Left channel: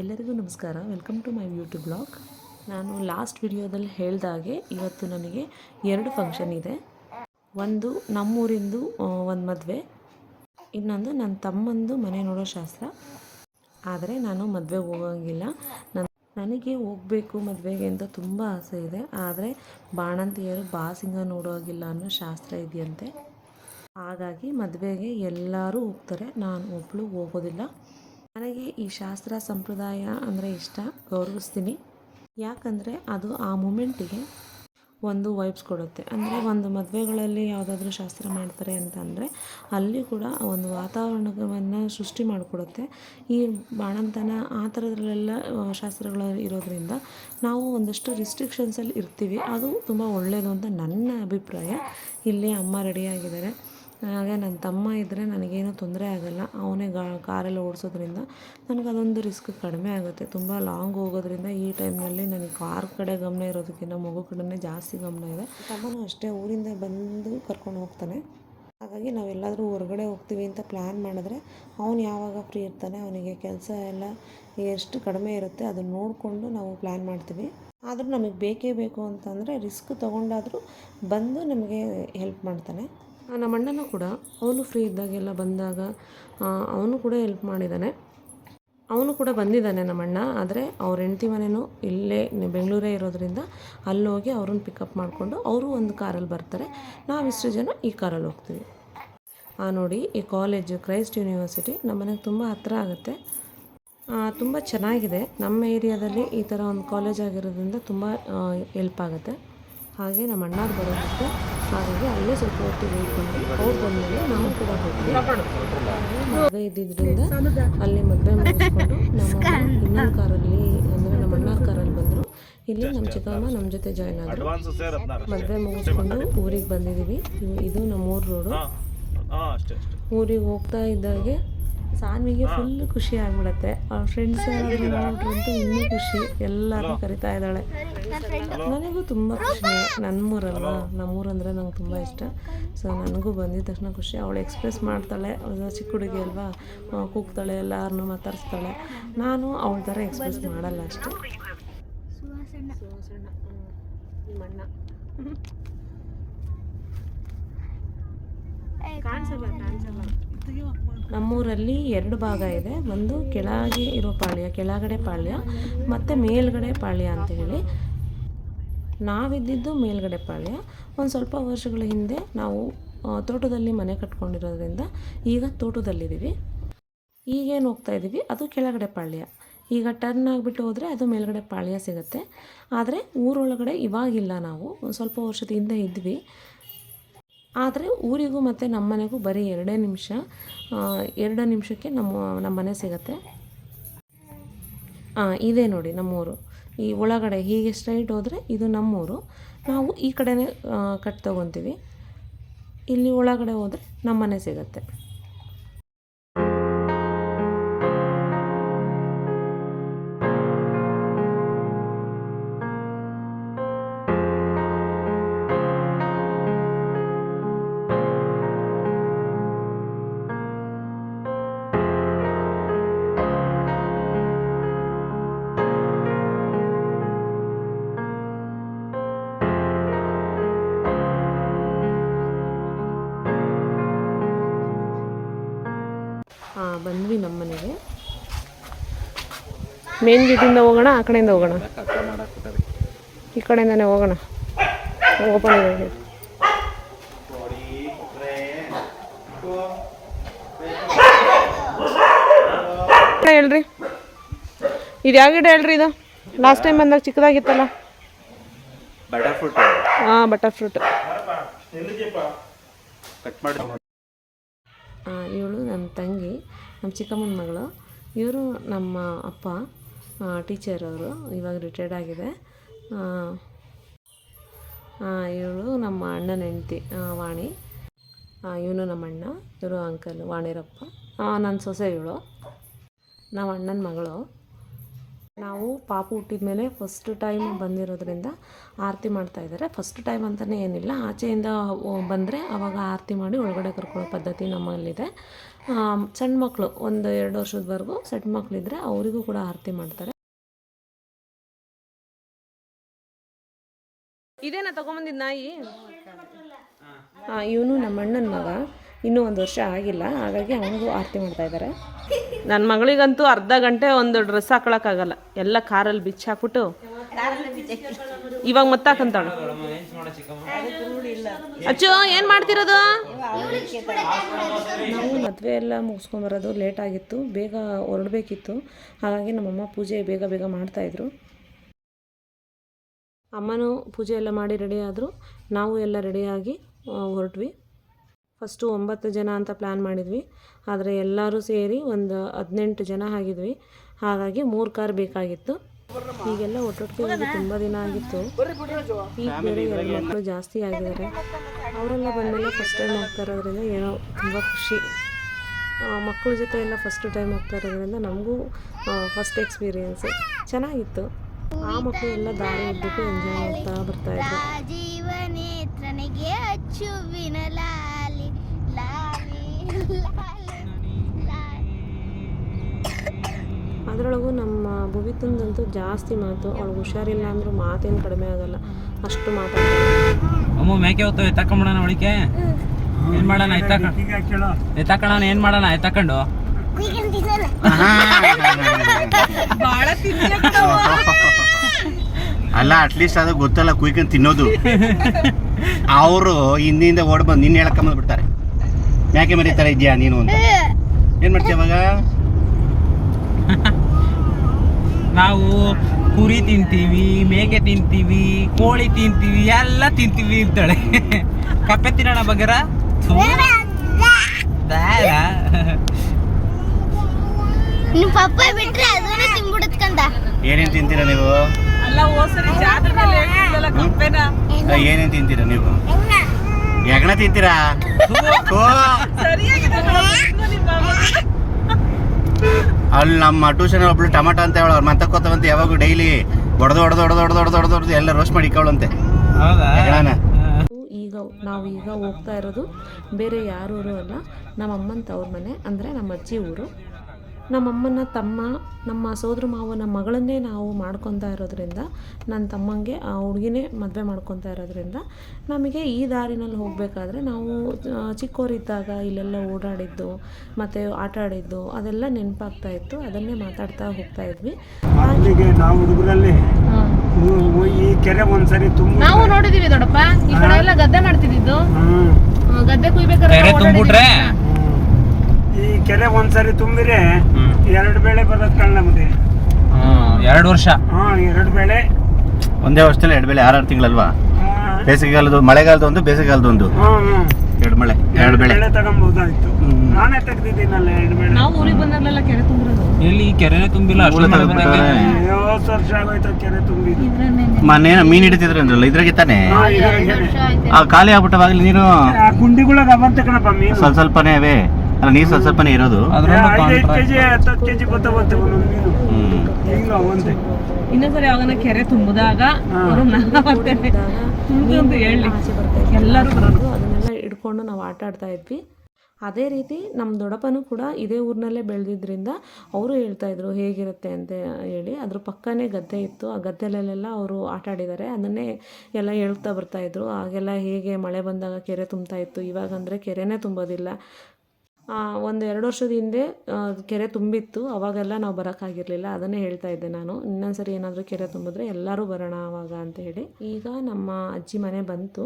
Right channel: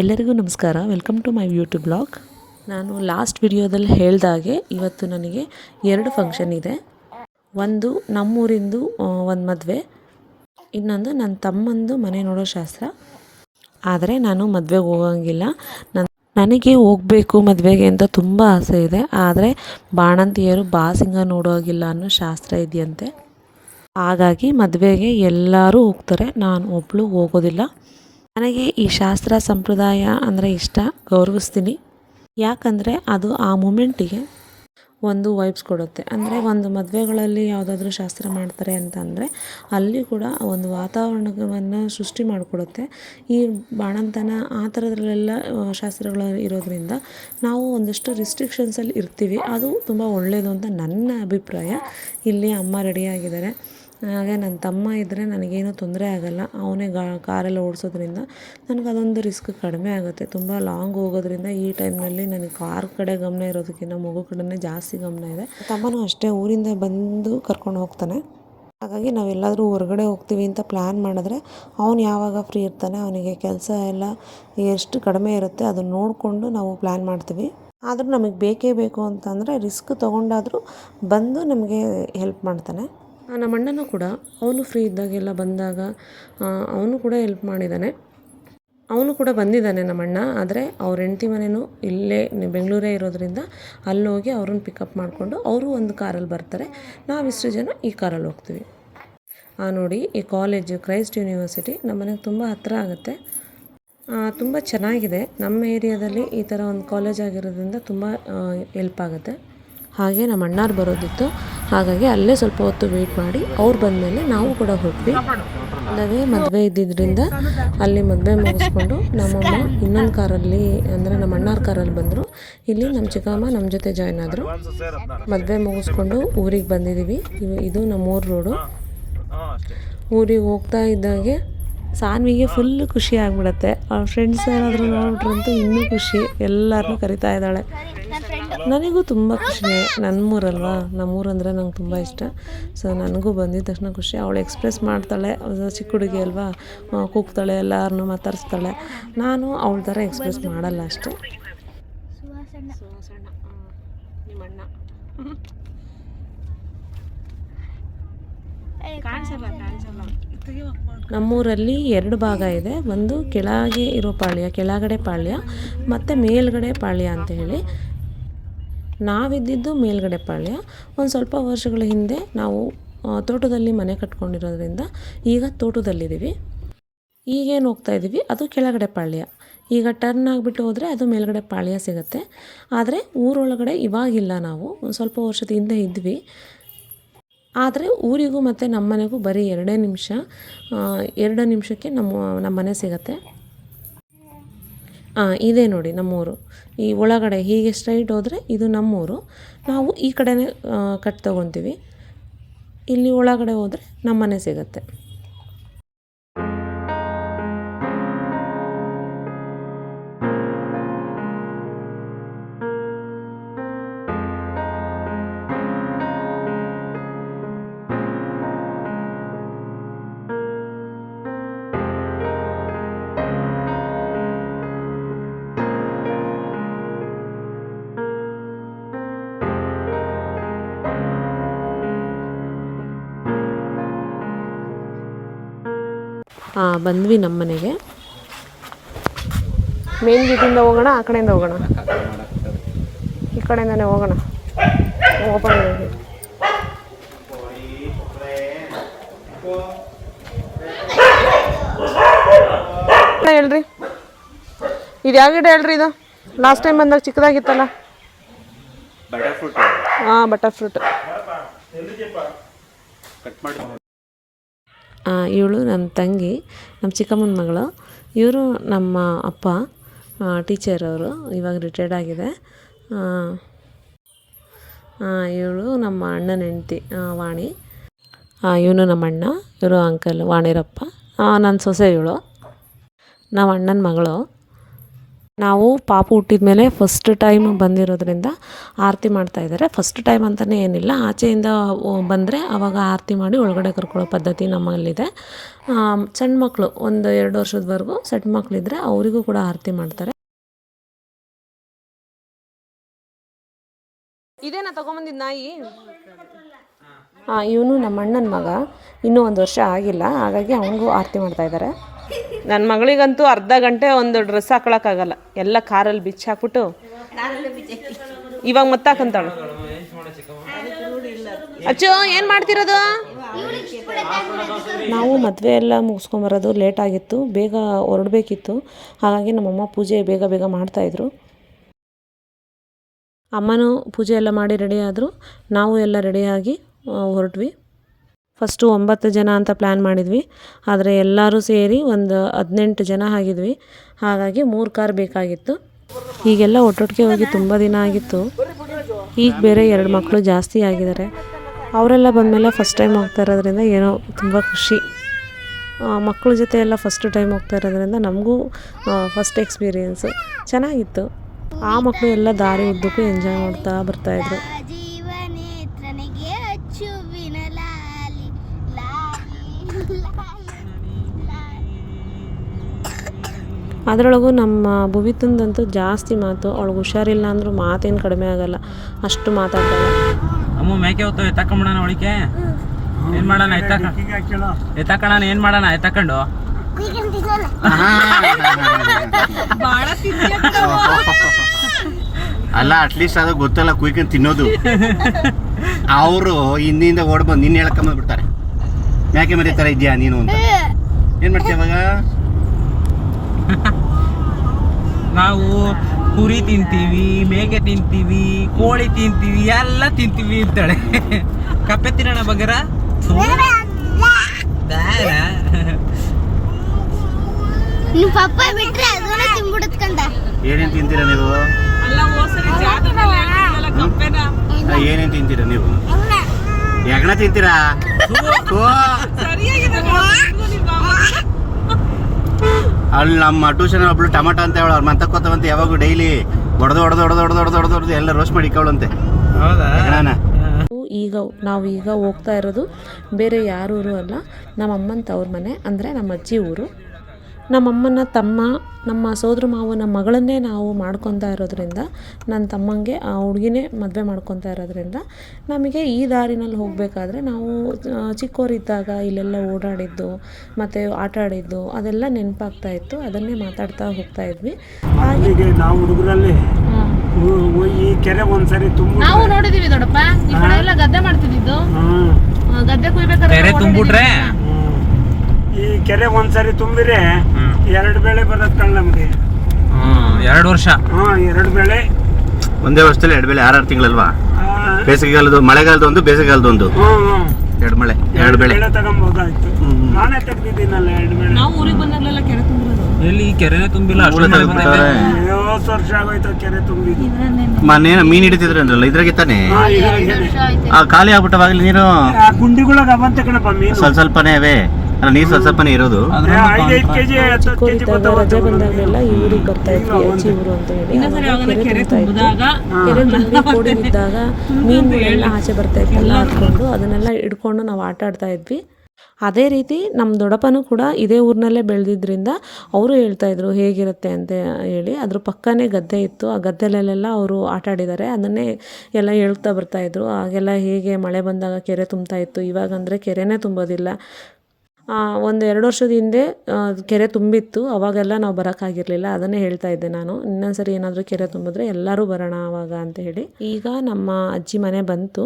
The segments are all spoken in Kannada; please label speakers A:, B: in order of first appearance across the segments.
A: ಎಲ್ಲರಿಗೂ ನಮಸ್ಕಾರ. Welcome to my YouTube blog ನಾನು ಲಾಸ್ಟ್ ವಿಡಿಯೋದಲ್ಲಿ ಹೇಳ್ದಾಗೆ ಇವತ್ತು ನನಗೆ ಎರಡು ಫಂಕ್ಷನ್ ಇದೆ. ಒಂದು ನಮ್ಮೂರಿಂದು ಒಂದು ಮದುವೆ, ಇನ್ನೊಂದು ನನ್ನ ತಮ್ಮಂದು ಮನೆ ನೋಡೋ ಶಾಸ್ತ್ರ. ಆದರೆ ನಾನು ಮದುವೆಗೆ ಹೋಗೋಂಗಿಲ್ಲ. ನನ್ನ ನನಗೆ ಹೋಗಬೇಕು ಮದುವೆಗೆ ಅಂತ ತುಂಬ ಆಸೆ ಇದೆ. ಆದರೆ ಬಾಣಂತಿಯರು ಬಾಸಿಂಗ ನೋಡೋಗಿಲ್ಲ ಅನ್ನೋ ಶಾಸ್ತ್ರ ಇದೆಯಂತೆ. ಹಾಗಾಗಿ ಮದುವೆಗೆ ಎಲ್ಲರೂ ಹೋಗ್ತಾರೆ. ನಾನು ಒಬ್ಬಳು ಹೋಗೋದಿಲ್ಲ. ನನಗೆ ಈ ಶಾಸ್ತ್ರ ಸಂಪ್ರದಾಯ ಅಂದರೆ ಇಷ್ಟ. ಗೌರವಿಸ್ತೀನಿ. ಯಾಕಂದರೆ ಅದು ಆ ಮೂಮೆಂಟಿಗೆ ಒಂದು ವೈಬ್ಸ್ ಕೊಡುತ್ತೆ. ಅಂದರೆ ಒಂದು ಮದುವೆಗಳಲ್ಲಿ ಯಾವುದಾದ್ರೂ ಶಾಸ್ತ್ರ ಮಾಡ್ತಾರೆ ಅಂತಂದರೆ ಅಲ್ಲಿ ಕೂಡ ಒಂದು ವಾತಾವರಣವನ್ನು ಸೃಷ್ಟಿ ಮಾಡಿಕೊಡುತ್ತೆ. ಈ ಬಾಣಂತನ ಆ ಥರದ್ರಲ್ಲೆಲ್ಲ ಶಾಸ್ತ್ರಗಳು ಇರೋದ್ರಿಂದ ನಾವು ಒಂದಷ್ಟು ರಿಸ್ಟ್ರಿಕ್ಷನ್ಸಲ್ಲಿ ಇರ್ತೀವಿ. ಅದು ತುಂಬ ಒಳ್ಳೆಯದು ಅಂತ ನನ್ನ ಅಭಿಪ್ರಾಯ. ಇಲ್ಲಿ ಅಮ್ಮ ರೆಡಿಯಾಗಿದ್ದಾರೆ ಹಾಗೆ ನನ್ನ ತಮ್ಮ ಇದ್ದರೆ ನನಗೇನು ತೊಂದರೆ ಆಗೋಲ್ಲ. ಅವನೇ ಗಾ, ಕಾರೆಲ್ಲ ಓಡಿಸೋದ್ರಿಂದ ನನಗೆ ಅದೊಂದು ರಿಸ್ಕ್ ಕಡಿಮೆ ಆಗುತ್ತೆ. ತುಂಬ ಲಾಂಗ್ ಹೋಗೋದ್ರಿಂದ ಈ ಟೈಮ್ನಲ್ಲಿ ನನಗೆ ಕಾರ್ ಕಡೆ ಗಮನ ಇರೋದಕ್ಕಿಂತ ಮಗು ಕಡೆನೇ ಜಾಸ್ತಿ ಗಮನ ಇದೆ. ತಮ್ಮನೂ ಅಷ್ಟೇ ಊರಿಂದ ಬಂದು ಕರ್ಕೊಂಡು ಹೋಗ್ತಾನೆ. ಹಾಗಾಗಿ ನಾವೆಲ್ಲಾದರೂ ಹೊರಗಡೆ ಹೋಗ್ತೀವಿ ಅಂತ ಪ್ಲ್ಯಾನ್ ಮಾಡಿದ್ರೆ ಅವನು ಯಾವಾಗ ಫ್ರೀ ಇರ್ತಾನೆ, ಅವನಿಗೆ ಕೆಲಸ ಎಲ್ಲ ಎಷ್ಟು ಕಡಿಮೆ ಇರುತ್ತೆ ಅದನ್ನು ನೋಡಿಕೊಂಡು ನಾವು ಪ್ಲ್ಯಾನ್ ಮಾಡ್ತೀವಿ. ಆದರೂ ನಮಗೆ ಬೇಕೇ ಬೇಕು ಅಂತಂದರೆ ರಿಸ್ಕ್ ತೊಗೊಂಡಾದರೂ ಬಂದು ನಮಗೆ ಹೆಲ್ಪ್ ಮಾಡ್ತಾನೆ. ನಮ್ಮ ಅಣ್ಣನೂ ಕೂಡ, ಅವನು ಫ್ರೀ ಇದ್ದಾಗೆಲ್ಲ ಬಂದಾಗ ಅವನು ಕೂಡ ಹೆಲ್ಪ್ ಮಾಡಿದ್ದಾನೆ ಅವನು ಕೂಡ ಬಂದಿದ್ದಾನೆ ನಮ್ಮ ಅಣ್ಣ, ಆದರೆ ಅವ್ರ ಹೆಂಡ್ತಿ ಮನೆಯೂ ಇಲ್ಲೇ ಬೆಂಗಳೂರೇ ಇರೋದ್ರಿಂದ ಅಲ್ಲೋಗಿ ಅವ್ರನ್ನ ಪಿಕಪ್ ಮಾಡಿಕೊಂಡು ಅವರು ಒಂದು ಕಾರಲ್ಲಿ ಬರ್ತಾರೆ. ನಾವಿಷ್ಟು ಜನ ಈ ಕಾರಲ್ಲಿ ಹೋಗ್ತೀವಿ. ನೋಡಿ, ಈ ಕಾಲೇಜು ಕ್ರೈಸ್ಟ್ ಯೂನಿವರ್ಸಿಟಿ ನಮ್ಮ ಮನೆಗೆ ತುಂಬ ಹತ್ತಿರ ಆಗುತ್ತೆ. ತುಂಬ ಚೆನ್ನಾಗಿದೆ. ನಮ್ಮ ಏರಿಯಾದಲ್ಲಿ ಈ ಥರ ಒಂದು ಕಾಲೇಜ್ ಆಗಿರೋದ್ರಿಂದ ತುಂಬ ಹೆಲ್ಪ್ ಆಗುತ್ತೆ. ಹಾಗೆ ನಮ್ಮ ಅಣ್ಣಾರು ಬರೋದಿತ್ತು. ಹಾಗಾಗಿ ಅಲ್ಲೇ ಸ್ವಲ್ಪ ಹೊತ್ತು ವೇಟ್ ಮಾಡಿ, ಅವ್ರು ಬಂದಮೇಲೆ ನಾವು ಕೂಡ ಹೋಗ್ತೀವಿ. ಹಾಗಾಗಿ ಮದುವೆ ಇದ್ದಿದ್ದರಿಂದ ಅಲ್ಲಿ ಮದುವೆ ಮುಗಿಸ್ಕೊಂಡು ನಮ್ಮಮ್ಮ ಇನ್ನೊಂದು ಕಾರಲ್ಲಿ ಅಂದರೆ ನಮ್ಮ ಅಣ್ಣಾರ ಕಾರಲ್ಲಿ ಬಂದರು. ಇಲ್ಲಿ ನಮ್ಮ ಚಿಕ್ಕಮ್ಮ ನಮ್ಮ ಜೊತೆ ಜಾಯ್ನ್ ಆದರು. ಮದುವೆ ಮುಗಿಸ್ಕೊಂಡು ಊರಿಗೆ ಬಂದಿದ್ದೀವಿ ಇದು ನಮ್ಮ ಊರು ರೋಡು ಊರಿಗೆ ಹೋಗ್ತಾ ಇದ್ದಾಗೆ ಸಾನ್ವಿಗೆ ಫುಲ್ ಖುಷಿ ಆಗ್ಬಿಡತ್ತೆ. ಅವ್ರ ಫ್ರೆಂಡ್ಸ್ ಏನಾದರೂ ನೋಡ್ರಂತೂ ಇನ್ನೂ ಖುಷಿ. ಎಲ್ಲರನ್ನೂ ಕರಿತಾ ಇದ್ದಾಳೆ. ನನಗೂ ತುಂಬ ಖುಷಿ. ನಮ್ಮೂರಲ್ವಾ ನಮ್ಮೂರಂದರೆ ನಂಗೆ ತುಂಬ ಇಷ್ಟ. ಸೊ ನನಗೂ ಬಂದಿದ್ದ ತಕ್ಷಣ ಖುಷಿ. ಅವಳು ಎಕ್ಸ್ಪ್ರೆಸ್ ಮಾಡ್ತಾಳೆ. ಚಿಕ್ಕ ಹುಡುಗಿ ಅಲ್ವಾ? ಕೂಗ್ತಾಳೆ ಎಲ್ಲರನ್ನೂ ಮಾತಾಡಿಸ್ತಾಳೆ. ನಾನು ಅವಳ ಥರ ಎಕ್ಸ್ಪ್ರೆಸ್ ಮಾಡಲ್ಲ ಅಷ್ಟೆ. ನಮ್ಮೂರಲ್ಲಿ ಎರಡು ಭಾಗ ಇದೆ. ಒಂದು ಕೆಳಗೆ ಇರೋ ಪಾಳ್ಯ ಕೆಳಗಡೆ ಪಾಳ್ಯ ಮತ್ತು ಮೇಲ್ಗಡೆ ಪಾಳ್ಯ ಅಂತ ಹೇಳಿ. ನಾವಿದ್ದಿದ್ದು ಮೇಲ್ಗಡೆ ಪಾಳ್ಯ. ಒಂದು ಸ್ವಲ್ಪ ವರ್ಷಗಳ ಹಿಂದೆ ನಾವು ತೋಟದಲ್ಲಿ ಮನೆ ಕಟ್ಕೊಂಡಿರೋದ್ರಿಂದ ಈಗ ತೋಟದಲ್ಲಿದ್ದೀವಿ. ಈಗೇನು ಹೋಗ್ತಾ ಇದ್ದೀವಿ ಅದು ಕೆಳಗಡೆ ಪಾಳ್ಯ. ಈಗ ಟರ್ನ್ ಆಗಿಬಿಟ್ಟು ಹೋದರೆ ಅದು ಮೇಲ್ಗಡೆ ಪಾಳ್ಯ ಸಿಗುತ್ತೆ. ಆದರೆ ಊರೊಳಗಡೆ ಇವಾಗಿಲ್ಲ ನಾವು. ಒಂದು ಸ್ವಲ್ಪ ವರ್ಷದ ಹಿಂದೆ ಇದ್ವಿ. ಆದರೆ ಊರಿಗೂ ಮತ್ತು ನಮ್ಮ ಮನೆಗೂ ಬರೀ ಎರಡೇ ನಿಮಿಷ ಎರಡು ನಿಮಿಷಕ್ಕೆ ನಮ್ಮ ನಮ್ಮ ಮನೆ ಸಿಗತ್ತೆ. ಇದೇ ನೋಡಿ ನಮ್ಮೂರು. ಈ ಒಳಗಡೆ ಹೀಗೆ ಸ್ಟ್ರೈಟ್ ಹೋದರೆ ಇದು ನಮ್ಮೂರು. ನಾವು ಈ ಕಡೆಯೇ ಕಟ್ ತೊಗೊತೀವಿ. ಇಲ್ಲಿ ಒಳಗಡೆ ಹೋದರೆ ನಮ್ಮನೆ ಸಿಗುತ್ತೆ ಸಿಗತ್ತೆ. ಬಂದ್ವಿ ನಮ್ಮ ಮನೆಗೆ. ಮೇನ್ ಗೇಟಿಂದ ಹೋಗೋಣ ಆ ಕಡೆಯಿಂದ ಹೋಗೋಣ. ಈ ಕಡೆಯಿಂದನೇ ಹೋಗೋಣ. ಓಪನ್ ಹೇಳ್ರಿ. ಇದು ಯಾವ ಗಿಡ ಹೇಳ್ರಿ ಇದು? ಲಾಸ್ಟ್ ಟೈಮ್ ಬಂದಾಗ ಚಿಕ್ಕದಾಗಿತ್ತಲ್ಲ?
B: ಬಟರ್ ಫ್ರೂಟ್
A: ಹಾಂ ಬಟರ್ ಫ್ರೂಟ್
B: ಕಟ್ ಮಾಡಿ.
A: ಇವಳು ನನ್ನ ತಂಗಿ, ನಮ್ಮ ಚಿಕ್ಕಮ್ಮನ ಮಗಳು. ಇವರು ನಮ್ಮ ಅಪ್ಪ ಟೀಚರ್ ಅವರು. ಇವಾಗ ರಿಟೈರ್ಡ್ ಆಗಿದೆ. ಇವಳು ನಮ್ಮ ಅಣ್ಣನ ಹೆಂಡತಿ ವಾಣಿ. ಇವನು ನಮ್ಮ ಅಣ್ಣ, ಇವರು ಅಂಕಲ್ ವಾಣಿರಪ್ಪ. ನನ್ನ ಸೊಸೆ ಇವಳು. ನಮ್ಮ ಅಣ್ಣನ ಮಗಳು. ನಾವು ಪಾಪ ಹುಟ್ಟಿದ ಮೇಲೆ ಫಸ್ಟ್ ಟೈಮ್ ಬಂದಿರೋದ್ರಿಂದ ಆರತಿ ಮಾಡ್ತಾಯಿದ್ದಾರೆ ಫಸ್ಟ್ ಟೈಮ್ ಅಂತಲೇ ಏನಿಲ್ಲ. ಆಚೆಯಿಂದ ಬಂದರೆ ಆವಾಗ ಆರತಿ ಮಾಡಿ ಒಳಗಡೆ ಕರ್ಕೊಳ್ಳೋ ಪದ್ಧತಿ ನಮ್ಮಲ್ಲಿದೆ. ಸಣ್ಣ ಮಕ್ಕಳು ಒಂದು ಎರಡು ವರ್ಷದವರೆಗೂ ಸಣ್ಣ ಮಕ್ಕಳಿದ್ರೆ ಅವರಿಗೂ ಕೂಡ ಆರತಿ ಮಾಡ್ತಾರೆ. ಇದೇನಾ ತಗೊಂಬಂದಿದ್ದ ನಾಯಿ? ಹಾಂ ಇವನು ನಮ್ಮ ಅಣ್ಣನ ಮಗ. ಇನ್ನೂ ಒಂದು ವರ್ಷ ಆಗಿಲ್ಲ. ಹಾಗಾಗಿ ಅವನಿಗೂ ಆರತಿ ಮಾಡ್ತಾ ಇದ್ದಾರೆ. ನನ್ನ ಮಗಳಿಗಂತೂ ಅರ್ಧ ಗಂಟೆ ಒಂದು ಡ್ರೆಸ್ ಹಾಕೊಳಕ್ಕಾಗಲ್ಲ. ಎಲ್ಲ ಕಾರಲ್ಲಿ ಬಿಚ್ಚಿ ಹಾಕ್ಬಿಟ್ಟು ಇವಾಗ ಮತ್ತಾಕಂತಾಳು ಅಚ್ಚು, ಏನು ಮಾಡ್ತಿರೋದು? ನಾವು ಮದುವೆ ಎಲ್ಲ ಮುಗಿಸ್ಕೊಂಬರೋದು ಲೇಟ್ ಆಗಿತ್ತು. ಬೇಗ ಹೊರಡಬೇಕಿತ್ತು. ಹಾಗಾಗಿ ನಮ್ಮಮ್ಮ ಪೂಜೆ ಬೇಗ ಬೇಗ ಮಾಡ್ತಾಯಿದ್ರು ಅಮ್ಮನೂ ಪೂಜೆ ಎಲ್ಲ ಮಾಡಿ ರೆಡಿ ಆದರು. ನಾವು ಎಲ್ಲ ರೆಡಿಯಾಗಿ ಹೊರಟ್ವಿ. ಫಸ್ಟು ಒಂಬತ್ತು ಜನ ಅಂತ ಪ್ಲ್ಯಾನ್ ಮಾಡಿದ್ವಿ. ಆದರೆ ಎಲ್ಲರೂ ಸೇರಿ ಒಂದು ಹದಿನೆಂಟು ಜನ ಆಗಿದ್ವಿ. ಹಾಗಾಗಿ ಮೂರು ಕಾರ್ ಬೇಕಾಗಿತ್ತು. ಈಗೆಲ್ಲ ಒಟ್ಟೊಟ್ಟಿಗೆ ಹೋಗಿ ತುಂಬ ದಿನ ಆಗಿತ್ತು. ಈಗ ಬೇರೆ ಎರಡು ಮಕ್ಕಳು ಜಾಸ್ತಿ ಆಗಿದ್ದಾರೆ. ಅವರೆಲ್ಲ ಬಂದಮೇಲೆ ಫಸ್ಟ್ ಟೈಮ್ ಹೋಗ್ತಾ ಇರೋದ್ರಿಂದ ಏನೋ ತುಂಬ ಖುಷಿ. ಮಕ್ಕಳ ಜೊತೆ ಎಲ್ಲ ಫಸ್ಟ್ ಟೈಮ್ ಹೋಗ್ತಾ ಇರೋದ್ರಿಂದ ನಮಗೂ ಫಸ್ಟ್ ಎಕ್ಸ್ಪೀರಿಯೆನ್ಸು ಚೆನ್ನಾಗಿತ್ತು. ಆ ಮಕ್ಕಳು ಎಲ್ಲ ದಾರಿ ಉದ್ದಕ್ಕೂ ಎಂಜಾಯ್ ಮಾಡ್ತಾ ಬರ್ತಾಯಿದ್ರು ಅದರೊಳಗೂ ನಮ್ಮ ಭುವಿತಂದಂತೂ ಜಾಸ್ತಿ ಮಾತು ಅವಳಿಗೆ ಹುಷಾರಿಲ್ಲ ಅಂದರೂ ಮಾತೇನು ಕಡಿಮೆ ಆಗಲ್ಲ. ಅಷ್ಟು ಮಾತಾಡ್ತಾಳೆ.
C: ಅಮ್ಮ ಮೇಕೆ ಎತ್ತಕೊಂಬಿಡೋಣ ಏನು ಮಾಡೋಣ ಎತ್ತಕ ಎತ್ತಕಣ ಏನು ಮಾಡೋಣ ಎತ್ತಕೊಂಡು?
B: ಅಲ್ಲ ಅಟ್ಲೀಸ್ಟ್ ಅದು ಗೊತ್ತಲ್ಲ ಕುಯ್ಕೊಂಡು ತಿನ್ನೋದು. ಅವರು ಹಿಂದಿಂದ ಓಡ್ ಬಂದು ನಿನ್ನ ಹೇಳಕ್ ಬಿಡ್ತಾರೆ ಯಾಕೆ ಮರೀತಾರೆ ಇದೆಯಾ ನೀನು ಅಂತ. ಏನ್ ಮಾಡ್ತೀಯ ಅವಾಗ?
C: ನಾವು ಕುರಿ ತಿಂತೀವಿ ಮೇಕೆ ತಿಂತೀವಿ ಕೋಳಿ ತಿಂತೀವಿ ಎಲ್ಲ ತಿಂತೀವಿ ಅಂತಾಳೆ. ಕಪ್ಪೆ ತಿನ್ನೋಣ ಬಗರ?
D: ನಿಮ್ ಪಪ್ಪ ಬಿಟ್ರೆ ಅದನ್ನ
B: ಏನೇನ್ ತಿಂತೀರಾ ನೀವು? ಆ, ಏನೇನ್ ತಿಂತೀರಾ ನೀವು? ಹೆಗಣ ತಿಂತೀರಾ. ಅಲ್ಲಿ ನಮ್ಮ ಟ್ಯೂಷನ್ ಒಬ್ಳು ಟಮಾಟ ಅಂತ ಹೇಳ ಅವ್ರ ಮಂತಕ್ಕೋತವಂತೆ ಯಾವಾಗೂ ಡೈಲಿ ಹೊಡೆದು ಹೊಡೆದು ಹೊಡೆದು ಹೊಡೆದು ಹೊಡೆದು ಹೊಡೆದು ಹೊಡೆದು ಎಲ್ಲ ರೋಸ್ಟ್ ಮಾಡಿ ಇಕ್ಕವಳಂತೆ
C: ಹೌದಾ
A: ಈಗ ನಾವು ಈಗ ಹೋಗ್ತಾ ಇರೋದು ಬೇರೆ ಯಾರೂರು ಅಲ್ಲ ನಮ್ಮ ಅಮ್ಮನ ತವ್ರ ಮನೆ ಅಂದರೆ ನಮ್ಮ ಅಜ್ಜಿ ಊರು. ನಮ್ಮಮ್ಮನ ತಮ್ಮ ನಮ್ಮ ಸೋದರ ಮಾವನ ಮಗಳನ್ನೇ ನಾವು ಮಾಡ್ಕೊತಾ ಇರೋದ್ರಿಂದ ನನ್ನ ತಮ್ಮಂಗೆ ಆ ಹುಡುಗಿನೇ ಮದುವೆ ಮಾಡ್ಕೊತಾ ಇರೋದ್ರಿಂದ ನಮಗೆ ಈ ದಾರಿನಲ್ಲಿ ಹೋಗಬೇಕಾದ್ರೆ ನಾವು ಚಿಕ್ಕವರಿದ್ದಾಗ ಇಲ್ಲೆಲ್ಲ ಓಡಾಡಿದ್ದು ಮತ್ತು ಆಟ ಆಡಿದ್ದು ಅದೆಲ್ಲ ನೆನಪಾಗ್ತಾ ಇತ್ತು. ಅದನ್ನೇ ಮಾತಾಡ್ತಾ ಹೋಗ್ತಾ ಇದ್ವಿ.
E: ಅಲ್ಲಿಗೆ ನಾವು ಹುಡುಗರಲ್ಲಿ ಈ ಕೆರೆ ಒಂದ್ಸರಿ ತುಂಬ
F: ನಾವು ನೋಡಿದೀವಿ ನೋಡಪ್ಪ ಈ ಕಡೆ ಎಲ್ಲ ಗದ್ದೆ ಮಾಡ್ತಿದ್ದು ಗದ್ದೆ ಕುಯ್ಬೇಕಾದ್ರೆ
C: ಕೆರೆ
E: ಒಂದ್ಸರಿ ತುಂಬಿದ್ರೆ ಎರಡು ಬೆಳೆ ಬರೋದ್ ಕಳ್ಳ ನಮ್ಗೆ.
C: ಎರಡು ವರ್ಷ?
E: ಹಾ ಎರಡು ಬೆಳೆ.
B: ಒಂದೇ ವರ್ಷದಲ್ಲಿ ಎರಡು ಬೆಳೆ ಆರಾರು ತಿಂಗಳಲ್ವಾ? ಬೇಸಿಗೆಗಾಲದ ಮಳೆಗಾಲದ ಒಂದು
E: ಹ್ಮ್, ಹ್ಮ್.
B: ಎರಡು ಮಳೆ ಎರಡು ಬೆಳೆ.
E: ಬೆಳೆ ತಗೊಂಬೋದಾಯ್ತು. ನಾನೇ ತೆಗ್ದಿದ್ದೀನಲ್ಲ ಎರಡು ಬೆಳೆ.
F: ನಾವು ಊರಿಗೆ ಬಂದಾಗಲೆಲ್ಲ ಕೆರೆ ತುಂಬಿರೋದು.
C: ಎಲ್ಲಿ ಈ ಕೆರೆನೇ ತುಂಬಿಲ್ಲ ಅಷ್ಟು ಮಳೆ ಬಂದೈತೆ.
E: ಐವತ್ತು ವರ್ಷ ಆಗೋಯ್ತು ಕೆರೆ ತುಂಬಿದ್ದು.
B: ಮೊನ್ನೆ ಮೀನ್ ಹಿಡಿತಿದ್ರು ಅಂದ್ರಲ್ಲ ಇದ್ರಾಗೆ ತಾನೆ?
D: ಎರಡು ವರ್ಷ ಆಯ್ತು.
B: ಆ, ಖಾಲಿ ಆಗ್ಬಿಟ್ಟವಾಗ್ಲಿ ನೀರು
E: ಆ ಗುಂಡಿಗಳಾಗ ಅವಂತೆ ಕಣಪ್ಪ ಮೀನು.
B: ಸ್ವಲ್ಪ ಸ್ವಲ್ಪನೇ ಅವೇ. ಅಲ್ಲ ನೀರು ಸ್ವಲ್ಪ ಸ್ವಲ್ಪನೇ ಇರೋದು.
E: ಐದೈದು ಕೆಜಿ ಹತ್ತು ಕೆಜಿ
A: ಊರಿಗೆ ಇದ್ವಿ ಅಂತ ಹೇಳಿ
F: ಇನ್ನೊಂದ್ಸರಿ ಯಾವಾಗ ಕೆರೆ ತುಂಬಿದಾಗ
A: ಮೀನುಗಳೆಲ್ಲ ಆಚೆ ಬರ್ತಾ ಇದ್ವಿ ಎಲ್ಲ ಹಾಕೊಂಡು ಅದನ್ನೆಲ್ಲ ಹಿಡ್ಕೊಂಡು ನಾವು ಆಟ ಆಡ್ತಾ ಇದ್ವಿ. ಅದೇ ರೀತಿ ನಮ್ಮ ದೊಡ್ಡಪ್ಪನೂ ಕೂಡ ಇದೇ ಊರಿನಲ್ಲೇ ಬೆಳೆದಿದ್ರಿಂದ ಅವರು ಹೇಳ್ತಾಯಿದ್ರು ಹೇಗಿರುತ್ತೆ ಅಂತ ಹೇಳಿ. ಅದ್ರ ಪಕ್ಕನೇ ಗದ್ದೆ ಇತ್ತು. ಆ ಗದ್ದೆಲೆಲ್ಲ ಅವರು ಆಟ ಆಡಿದ್ದಾರೆ. ಅದನ್ನೇ ಎಲ್ಲ ಹೇಳ್ತಾ ಬರ್ತಾ ಇದ್ರು. ಆಗೆಲ್ಲ ಹೇಗೆ ಮಳೆ ಬಂದಾಗ ಕೆರೆ ತುಂಬ್ತಾ ಇತ್ತು? ಇವಾಗಂದರೆ ಕೆರೆನೇ ತುಂಬೋದಿಲ್ಲ. ಒಂದು ಎರಡು ವರ್ಷದ ಹಿಂದೆ ಕೆರೆ ತುಂಬಿತ್ತು. ಅವಾಗೆಲ್ಲ ನಾವು ಬರೋಕ್ಕಾಗಿರಲಿಲ್ಲ. ಅದನ್ನೇ ಹೇಳ್ತಾ ಇದ್ದೆ ನಾನು. ಇನ್ನೊಂದ್ಸರಿ ಏನಾದರೂ ಕೆರೆ ತುಂಬಿದ್ರೆ ಎಲ್ಲರೂ ಬರೋಣ ಅವಾಗ ಅಂತ ಹೇಳಿ. ಈಗ ನಮ್ಮ ಅಜ್ಜಿ ಮನೆ ಬಂತು.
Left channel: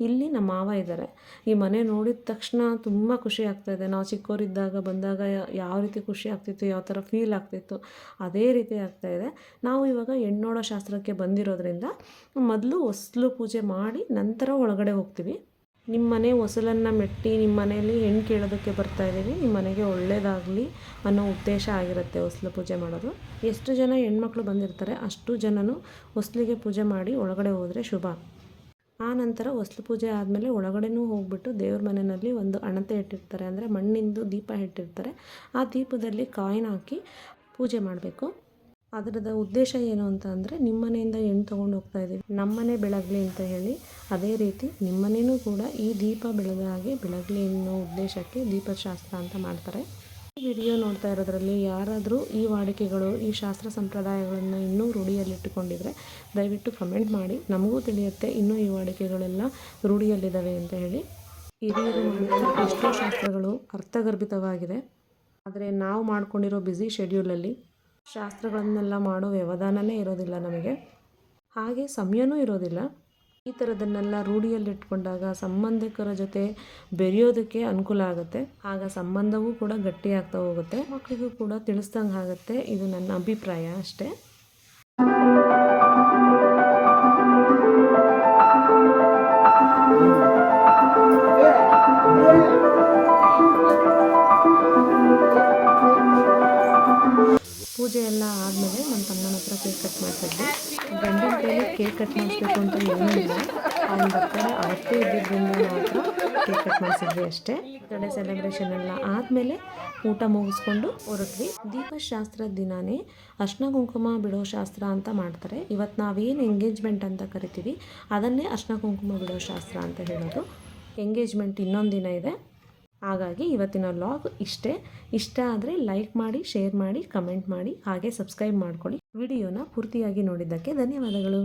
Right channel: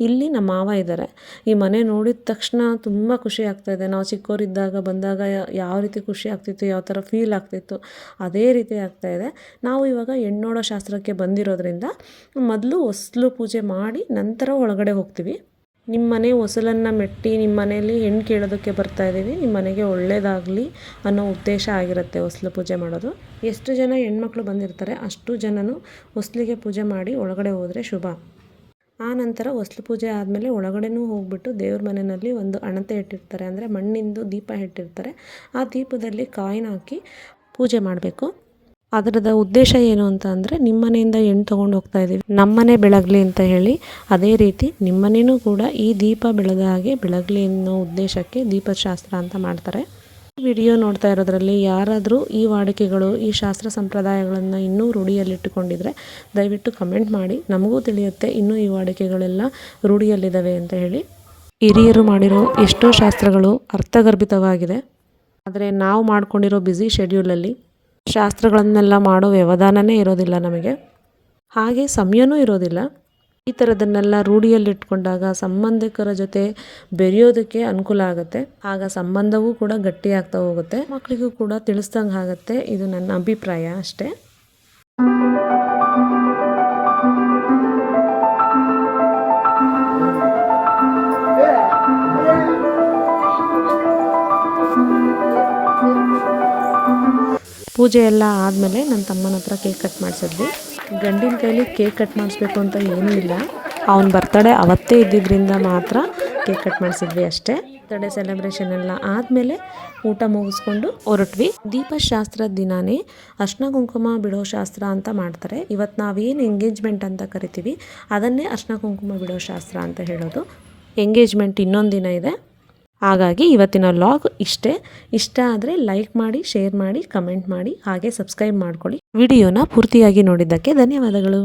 A: ಇಲ್ಲಿ ನಮ್ಮ ಮಾವ ಇದ್ದಾರೆ. ಈ ಮನೆ ನೋಡಿದ ತಕ್ಷಣ ತುಂಬ ಖುಷಿ ಆಗ್ತಾಯಿದೆ ನಾವು ಚಿಕ್ಕವರಿದ್ದಾಗ ಬಂದಾಗ ಯಾವ ರೀತಿ ಖುಷಿ ಆಗ್ತಿತ್ತು, ಯಾವ ಥರ ಫೀಲ್ ಆಗ್ತಿತ್ತು, ಅದೇ ರೀತಿ ಆಗ್ತಾಯಿದೆ ನಾವು ಇವಾಗ ಹೆಣ್ಣೋಡೋ ಶಾಸ್ತ್ರಕ್ಕೆ ಬಂದಿರೋದ್ರಿಂದ ಮೊದಲು ಹೊಸ್ಲು ಪೂಜೆ ಮಾಡಿ ನಂತರ ಒಳಗಡೆ ಹೋಗ್ತೀವಿ. ನಿಮ್ಮ ಮನೆ ಹೊಸಲನ್ನು ಮೆಟ್ಟಿ ನಿಮ್ಮ ಮನೆಯಲ್ಲಿ ಹೆಣ್ಣು ಕೇಳೋದಕ್ಕೆ ಬರ್ತಾ ಇದ್ದೀವಿ. ನಿಮ್ಮ ಮನೆಗೆ ಒಳ್ಳೆಯದಾಗಲಿ ಅನ್ನೋ ಉದ್ದೇಶ ಆಗಿರುತ್ತೆ ಹೊಸ್ಲು ಪೂಜೆ ಮಾಡೋದು. ಎಷ್ಟು ಜನ ಹೆಣ್ಮಕ್ಳು ಬಂದಿರ್ತಾರೆ, ಅಷ್ಟು ಜನನು ಹೊಸ್ಲಿಗೆ ಪೂಜೆ ಮಾಡಿ ಒಳಗಡೆ ಹೋದರೆ ಶುಭ. ಆ ನಂತರ ಹೊಸ್ಲು ಪೂಜೆ ಆದಮೇಲೆ ಒಳಗಡೆನೂ ಹೋಗ್ಬಿಟ್ಟು ದೇವ್ರ ಮನೆಯಲ್ಲಿ ಒಂದು ಅಣತೆ ಇಟ್ಟಿರ್ತಾರೆ. ಅಂದರೆ ಮಣ್ಣಿಂದು ದೀಪ ಇಟ್ಟಿರ್ತಾರೆ. ಆ ದೀಪದಲ್ಲಿ ಕಾಯಿನ ಹಾಕಿ ಪೂಜೆ ಮಾಡಬೇಕು. ಅದರದ ಉದ್ದೇಶ ಏನು ಅಂತ ಅಂದರೆ ನಿಮ್ಮನೆಯಿಂದ ಹೆಣ್ಣು ತೊಗೊಂಡು ಹೋಗ್ತಾ ಇದ್ದೀವಿ. ನಮ್ಮನೆ ಬೆಳಗಲಿ ಅಂತ ಹೇಳಿ ಅದೇ ರೀತಿ ನಿಮ್ಮನೇನೂ ಕೂಡ ಈ ದೀಪ ಬೆಳೆದ ಹಾಗೆ ಬೆಳಗಲಿ ಅನ್ನೋ ಉದ್ದೇಶಕ್ಕೆ ದೀಪಶಾಸ್ತ್ರ ಅಂತ ಮಾಡ್ತಾರೆ. ವಿಡಿಯೋ ನೋಡ್ತಾ ಇರೋದ್ರಲ್ಲಿ ಯಾರಾದರೂ ಈ ವಾಡಿಕೆಗಳು, ಈ ಶಾಸ್ತ್ರ ಸಂಪ್ರದಾಯಗಳನ್ನು ಇನ್ನೂ ರೂಢಿಯಲ್ಲಿಟ್ಟುಕೊಂಡಿದ್ರೆ ದಯವಿಟ್ಟು ಕಮೆಂಟ್ ಮಾಡಿ. ನಮಗೂ ತಿಳಿಯುತ್ತೆ ಇನ್ನೂ ಈ ವಾಡಿಕೆಗಳೆಲ್ಲ ರೂಢಿಯಲ್ಲಿದ್ದಾವೆ ಅಂತ ಹೇಳಿ. ಹಿರಿಯರು ಮಾಡಿರೋ ಎಷ್ಟೋ ಶಾಸ್ತ್ರಗಳು ಅರ್ಥಗರ್ಭಿತವಾಗಿದೆ. ಆದರೆ ನಾವು ಮಾಡ್ಕೊಂಡಿರೋ ಬ್ಯುಸಿ ಶೆಡ್ಯೂಲಲ್ಲಿ ಶಾಸ್ತ್ರಗಳನ್ನೆಲ್ಲ ಮಾಡೋ ವ್ಯವಧಾನನೇ ಇರೋದಿಲ್ಲ ನಮಗೆ. ಹಾಗೆ ಸಮಯನೂ ಇರೋದಿಲ್ಲ. ಈ ಥರದನ್ನೆಲ್ಲ ರೂಢಿಯಲ್ಲಿಟ್ಕೊಂಡಾಗ ಸಂಬಂಧಿಕರ ಜೊತೆ ಬೆರೆಯೋದಕ್ಕೆ ಅನುಕೂಲ ಆಗುತ್ತೆ. ಆಗ ಸಂಬಂಧವೂ ಕೂಡ ಗಟ್ಟಿಯಾಗ್ತಾ ಹೋಗುತ್ತೆ. ಮಕ್ಕಳಿಗೂ ಕೂಡ ತಿಳಿಸ್ದಂಗೆ ಆಗುತ್ತೆ ಇದು ನನ್ನ ಅಭಿಪ್ರಾಯ ಅಷ್ಟೇ. ಪೂಜೆ ಎಲ್ಲ ಆದಮೇಲೆ ನನ್ನ ತಮ್ಮನ ಹತ್ರ ಕೇಕ್ ಕಟ್ ಮಾಡಿಸಿದ್ವಿ. ಗಂಡಿನ ಕೈಲಿ ಕೇಕ್ ಕಟ್ ಮಾಡಿಸ್ಬೇಕು ಅಂತ ಏನೂ ಇಲ್ಲ. ಅವನ ಬರ್ತಡೇ ಅವತ್ತೇ ಇದ್ದಿದ್ದರಿಂದ ಮಾತ್ರ ಕೇಕ್ ಕಟ್ ಮಾಡಿಸಿದ್ವಿ ಅಷ್ಟೇ. ಬರ್ತಡೇ ಸೆಲೆಬ್ರೇಷನ್ ಎಲ್ಲ ಆದಮೇಲೆ ಊಟ ಮುಗಿಸ್ಕೊಂಡು ಹೊರಟ್ವಿ. ದೀಪಶಾಸ್ತ್ರದ ದಿನಾನೇ ಅರ್ಶನ ಕುಂಕುಮ ಬಿಡೋ ಶಾಸ್ತ್ರ ಅಂತ ಮಾಡ್ತಾರೆ. ಇವತ್ತು ನಾವೇನು ಎಂಗೇಜ್ಮೆಂಟ್ ಅಂತ ಕರಿತೀವಿ ಅದನ್ನೇ ಅರ್ಶನ ಕುಂಕುಮ ಬಿಡೋ ಶಾಸ್ತ್ರ ಅಂತ ಹೇಳೋದು. ಎಂಗೇಜ್ಮೆಂಟ್ ಇನ್ನೊಂದು ದಿನ ಇದೆ. ಹಾಗಾಗಿ ಇವತ್ತಿನ ಲಾಗ್ ಇಷ್ಟೇ. ಇಷ್ಟ ಆದರೆ ಲೈಕ್ ಮಾಡಿ ಶೇರ್ ಮಾಡಿ ಕಮೆಂಟ್ ಮಾಡಿ, ಹಾಗೆ ಸಬ್ಸ್ಕ್ರೈಬ್ ಮಾಡ್ಕೊಳ್ಳಿ. ವಿಡಿಯೋನ ಪೂರ್ತಿಯಾಗಿ ನೋಡಿದ್ದಕ್ಕೆ ಧನ್ಯವಾದಗಳು.